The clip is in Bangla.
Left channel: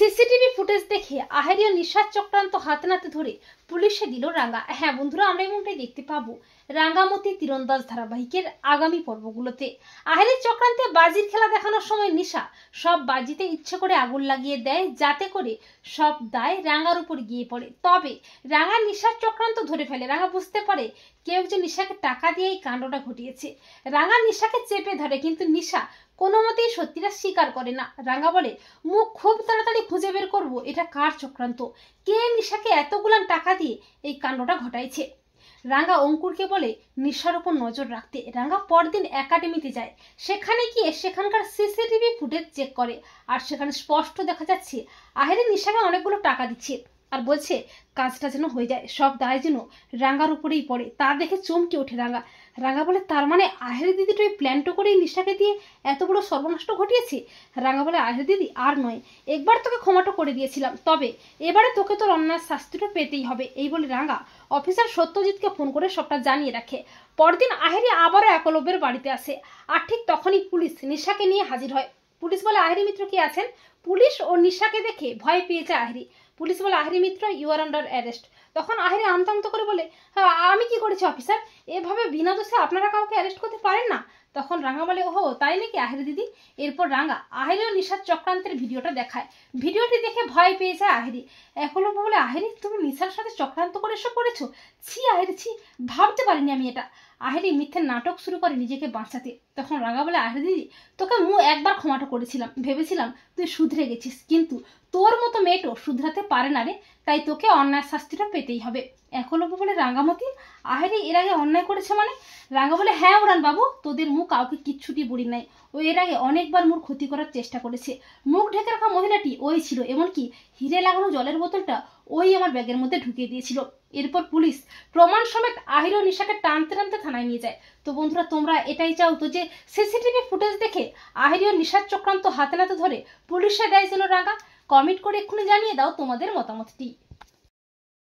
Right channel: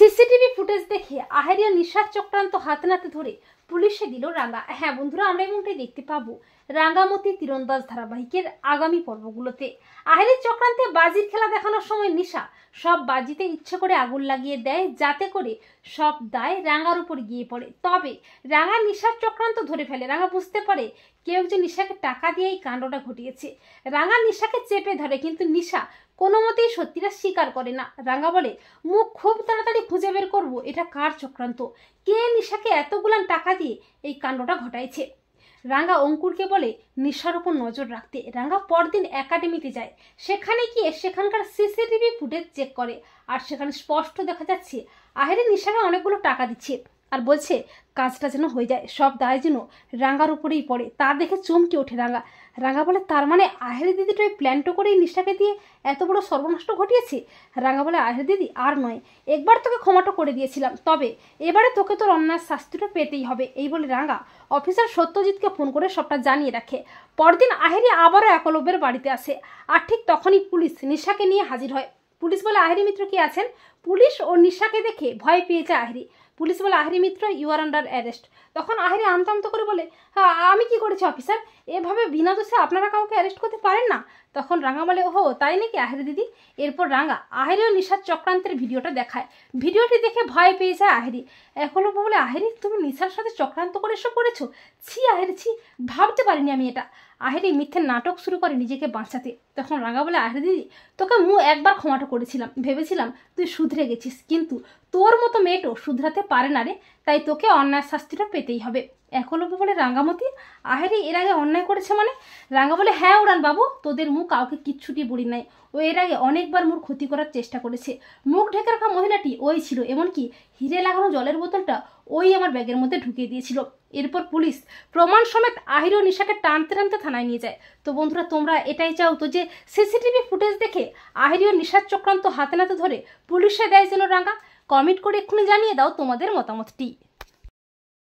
সিসিটিভি ফুটেজ দেখে আহেরিয়া নিশার চক্রান্ত হাতে নাতে ধরে পুলিশে দিল রাঙ্গা। হ্যাঁ বন্ধুরা, আমরা এমনটাই দেখতে পাবো রাঙ্গামতি তীরন্দাজ ধারাবাহিকের আগামী পর্বগুলোতে। আহেরির চক্রান্তে বাজির খেলা দেখানোর সময় নিশা সব বাজিতে ইচ্ছে করে আগুন লাগিয়ে দেয়, যাতে করে সব দায় রাঙ্গার উপর গিয়ে পড়ে। তবে রাঙ্গা নিশার চক্রান্ত ধরে ফেলে। রাঙ্গা বুঝতে পারে কেউ একজন নিশাকে টাকা দিয়ে এই কাণ্ডটা ঘটিয়েছে। রাঙ্গা নিশাকে চেপে ধরে, কিন্তু নিশা কোনো মতেই সত্যিটা স্বীকার করে না। রাঙ্গা বলে, মুখ খুব তাড়াতাড়ি খুঁজে বের করবো এটা কার চক্রান্ত, কে নিশাকে এতগুলান টাকা দিয়ে এই কাণ্ডটা ঘটাইছে। রাঙ্গা অঙ্কুরকে বলে নিশার উপর নজর রাখতে। রাঙ্গা পরদিন একাডেমিতে যায়, সেখানে গিয়ে সেখানকার সিসিটিভি ফুটেজ চেক করে, আর সেখানে স্পষ্ট দেখা যাচ্ছে আহেরি নিশাকে অনেকগুলো টাকা দিচ্ছে আর বলছে কাজটা যেন হয়ে যায়, সব দায় যেন রাঙ্গার উপরেই পড়ে। তা দেখে চমকে ওঠে রাঙ্গা। রাঙ্গা বলে, তার মানে আহেরি দিদিটা ওই প্ল্যানটা করেই নিশাকে দিয়ে এত বড় সর্বনষ্ট ঘটিয়েছে। রাঙ্গা বলে, আহেরি দিদি আর নয়, একবার তোকে ক্ষমাটা করে দিয়েছিলাম, তবে এবারে তোকে তোর অন্যায় শাস্তিটা পেতেই হবে। এই বলে রাঙ্গা অফিসার সত্যজিৎকে ফোন করে সবটা জানিয়ে রাখে। পরদিন আহেরি আবারও একলব্যের বাড়িতে আসে, আর ঠিক তখনই পুলিশ নিশাকে নিয়ে হাজির হয়। পুলিশ বলে, আহেরি মিত্র কি আছেন? পুলিশ ও নিশাকে দেখে ভয় পেয়েছে আহেরি। পুলিশ বলে, আহেরি মিত্র ইউ আর আন্ডার অ্যারেস্ট। তখন আহেরি আমতা আমতা করে বলে, হ্যাঁ আমি কি করেছি অফিসার? এভাবে বিনা দোষে আপনারা কাউকে অ্যারেস্ট করতে পারেন না। তখন রাঙ্গা বলে, ওহো তাই নাকি আহেরি দিদি। এরপর রাঙ্গা আহেরি ও নিশার চক্রান্তের ভিডিওটা দেখায়। ভিডিওটি দেখে ভয় পেয়ে যায় আহেরি। একলব্য বলে, আহেরি তুমি নিশার সাথে চক্রান্ত করে এসব করেছো? ছি আহেরি ছি, ভাবতে পারিনি আমি এটা। আহেরি মিথ্যে নাটক শুরু করে নিজেকে বাঁচাতে। তখন রাঙ্গা বলে, আহেরি দিদি তোকে একবার ক্ষমাটা করেছিলাম, ভেবেছিলাম তুই শুধরে গেছিস, কিন্তু তোর মতো মেয়েটো শুধরাতে পারে না রে, তাই তোকে অন্যায় শাস্তিটা পেতেই হবে। একলব্য বলে, রাঙ্গামতি আহেরি এর আগে অন্যায় করেছে মানে? রাঙ্গা বলে, হ্যাঁ উড়ান বাবু, তোদের মুখ কাউকে কিচ্ছুটি বুড়ি নাই, ও এর আগে অনেকবার মোর ক্ষতি করার চেষ্টা করেছে। মুখ ঢেকে রাখা মহিলাটি ওই ছিল, এমনকি হিরে লাগানো জলের বোতলটা ওই আমার ব্যাগের মধ্যে ঢুকিয়ে দিয়েছিল। এরপর পুলিশ প্রমাণ সমেত আহেরি ও নিশাকে টানতে টানতে থানায় নিয়ে যায়। তো বন্ধুরা, তোমরা এটাই চাও তো যে সিসিটিভি ফুটেজ দেখে আহেরি ও নিশার চক্রান্ত হাতে নাতে ধরে পুলিশে দেয় যেন রাঙ্গা? কমেন্ট করে এক্ষুনি জানিয়ে দাও তোমাদের মতামতটি।